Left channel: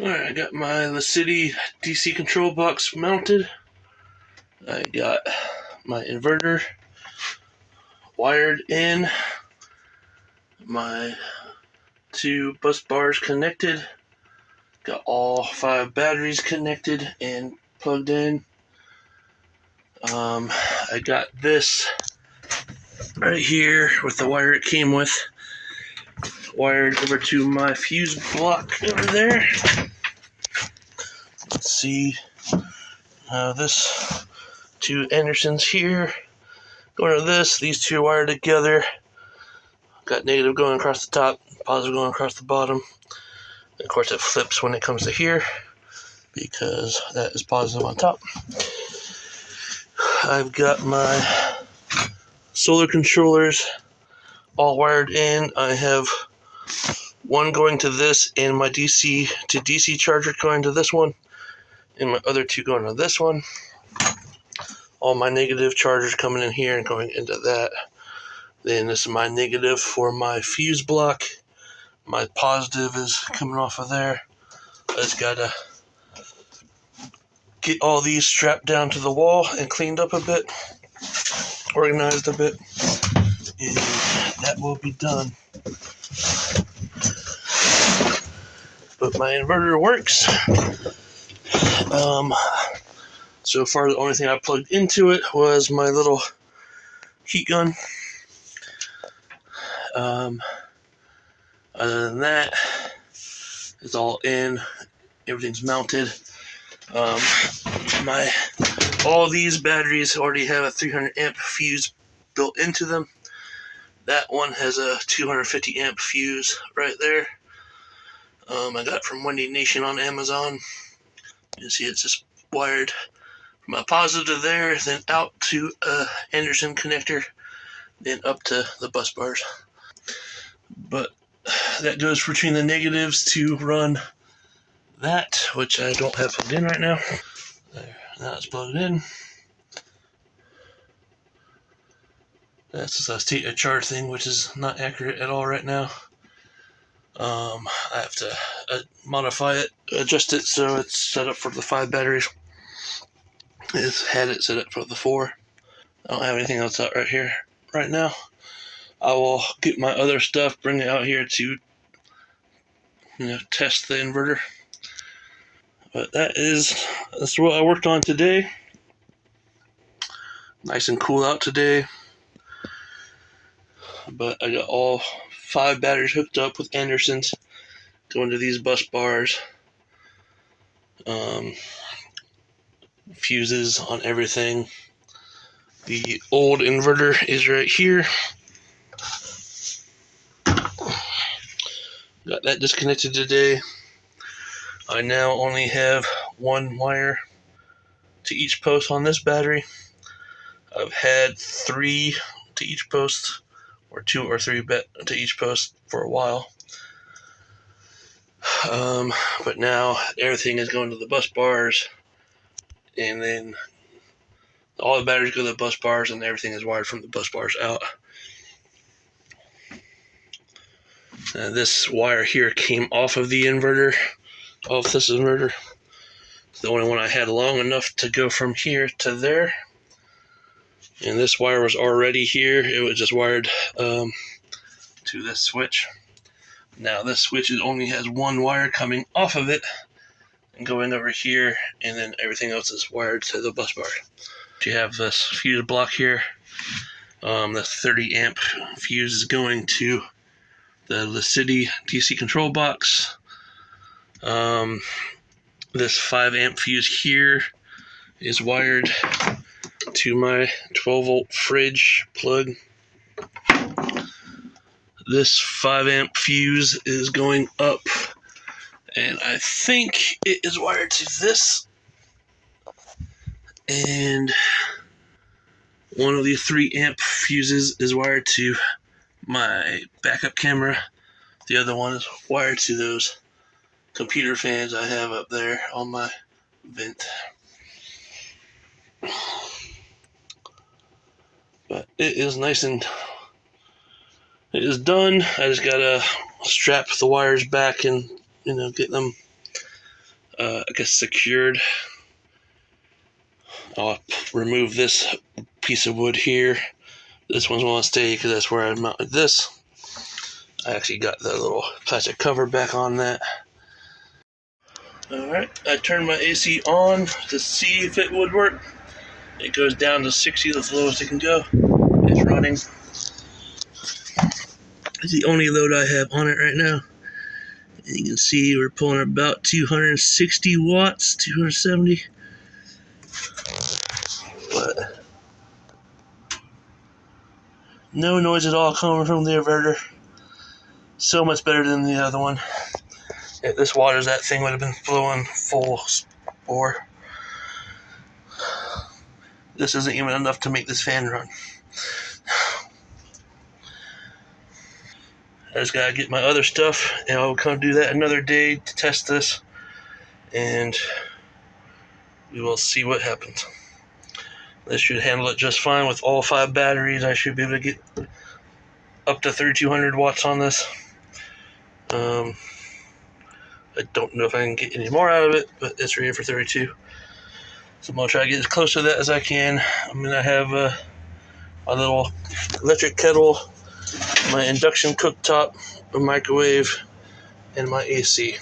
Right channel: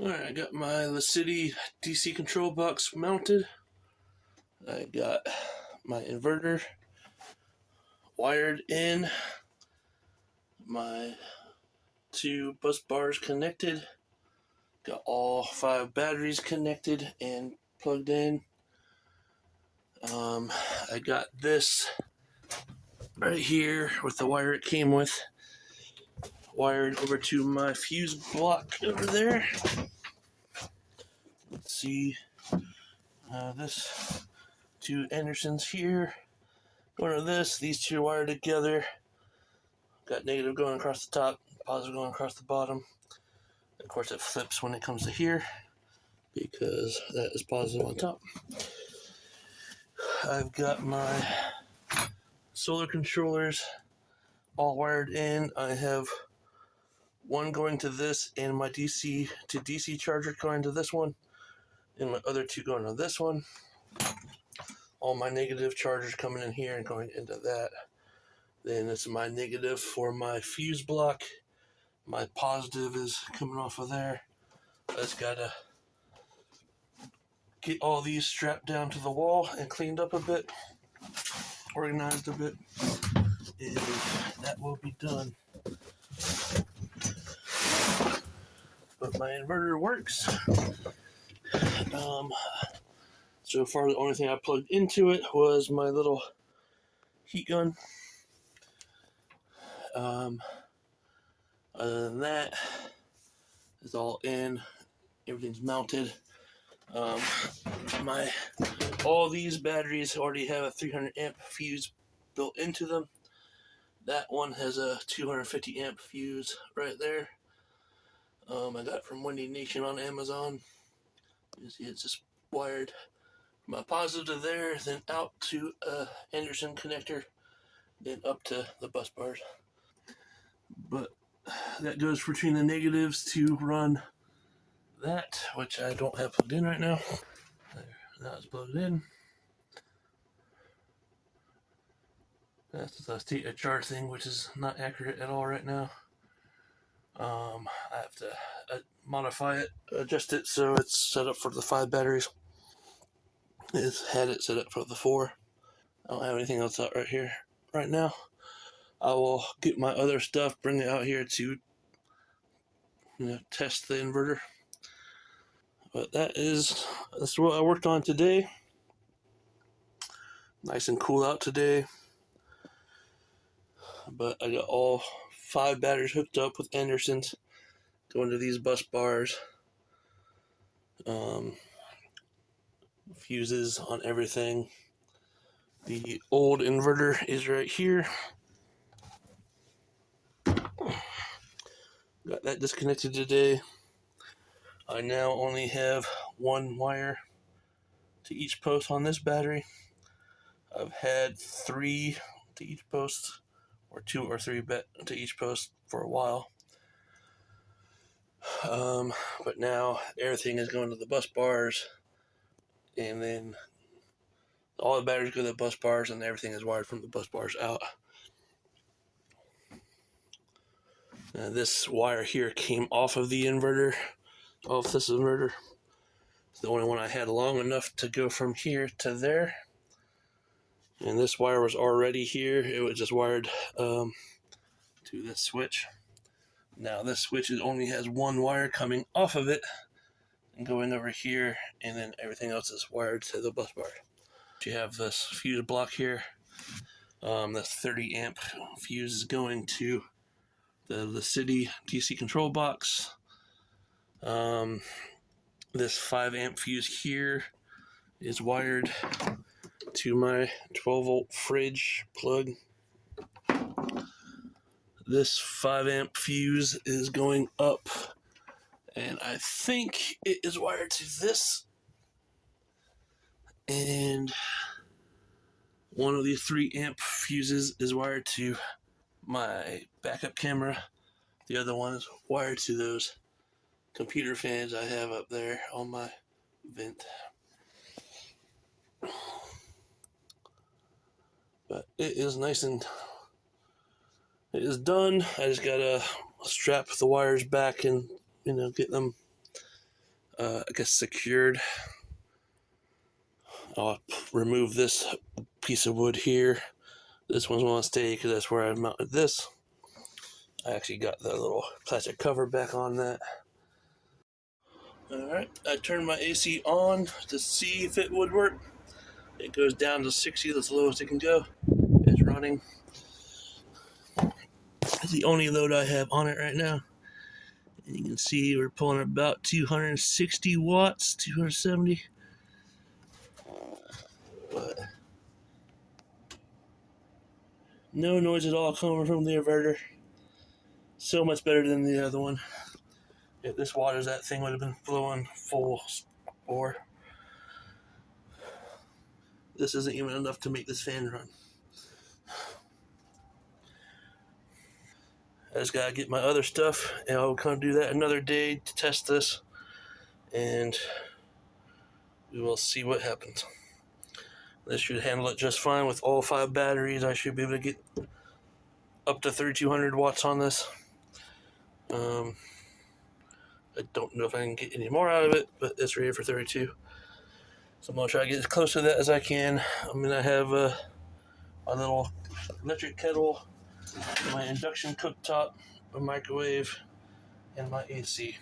Alright, I got my City DC control box mounted. I got my inverter wired in, my 2 bus bars connected, got all 5 batteries connected and plugged in. I got this right here with the wire it came with wired over to my fuse block over there. Let's see this 2 Andersons here going to this. These 2 wired together. Got negative going across the top, positive going across the bottom. And of course it flips when it comes to here because that is positive on top. I've got my solar controllers all wired in. I have one going to this and my DC to DC charger going to this one and my other 2 going to this one. All my negative chargers coming in here and going into that. Then this is my negative for my fuse block. My positive is coming off of there. I just gotta get all these strapped down to the wall and cleaned up a bit, organized a bit, and that will be done. But my inverter works. So far the only thing I plugged into it was my little heat gun. Other than that, it's all in. Everything's mounted. All these batteries already have a 300 amp fuse built into them. That one has a 250 amp fuse right there. I got it from Wendy Nation on Amazon. You see it's just wired from a positive there, then out to a Anderson connector, then up to the bus bars. But that goes between the negatives to run that, which I don't have plugged in right now. There, now it's plugged in. That's just a state of charge thing, which is not accurate at all right now. I have to modify it, adjust it so it's set up for the 5 batteries. It's had it set up for the 4. I don't have anything else out right here right now. I will get my other stuff, bring it out here to test the inverter. But that's what I worked on today. Nice and cool out today. But I got all 5 batteries hooked up with Andersons going to these bus bars. Fuses on everything. The old inverter is right here. Got that disconnected today. I now only have 1 wire to each post on this battery. I've had 3 to each post, or 2 or 3 to each post for a while. But now everything is going to the bus bars, and then all the batteries go to the bus bars, and everything is wired from the bus bars out. This wire here came off of the inverter, off this inverter. It's the only one I had long enough to go from here to there. And this wire was already here. It was just wired to this switch. Now this switch only has 1 wire coming off of it and going over here, and then everything else is wired to the bus bar. You have this fuse block here. The 30 amp fuse is going to the City DC control box. This 5 amp fuse here is wired to my 12 volt fridge plug. This 5 amp fuse is going up, and I think it is wired to this. And one of the 3 amp fuses is wired to my backup camera. The other one is wired to those computer fans I have up there on my vent. But it is nice and it is done. I just gotta strap the wires back and get them I guess secured. I'll remove this piece of wood here. This one's going to stay because that's where I mounted this. I actually got the little plastic cover back on that. Alright, I turned my AC on to see if it would work. It goes down to 60, that's the lowest it can go. It's running. It's the only load I have on it right now. And you can see we're pulling about 260 watts, 270. But no noise at all coming from the inverter. So much better than the other one. If this waters, that thing would have been flowing full bore. This isn't even enough to make this fan run. I just gotta get my other stuff, and I'll come do that another day to test this, and we will see what happens. This should handle it just fine with all 5 batteries. I should be able to get up to 3200 watts on this. I don't know if I can get any more out of it, but it's rated for 32. So I'm going to try to get as close to that as I can. I'm going to have my little electric kettle, my induction cooktop, a microwave, and my AC.